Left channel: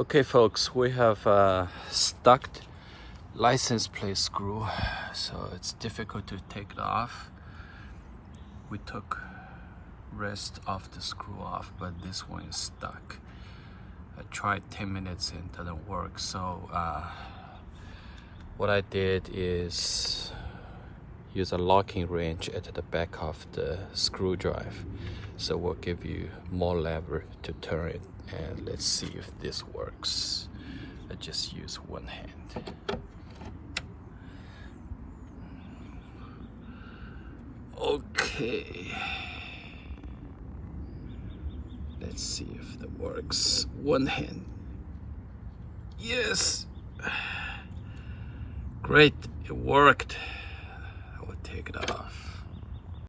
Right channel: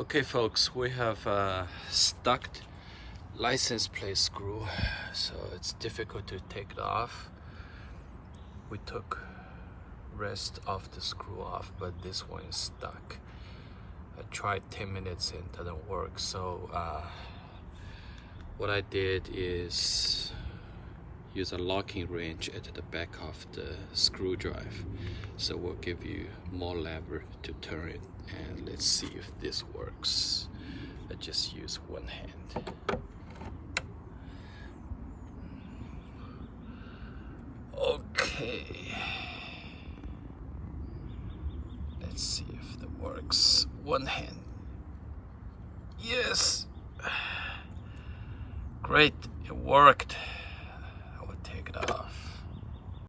Okay folks, we have stuck license plate screw, so it's difficult to take it off. We took rest of the screw off, but this one is stuck. I tried 10 minutes and it doesn't work, so what I did is use a locking wrench at the back of the screw drive, so we'll give you more lever to turn it, and let's see if this works. I just use one hand. Okay, let's see if that works. One hand. Yes, great, it worked.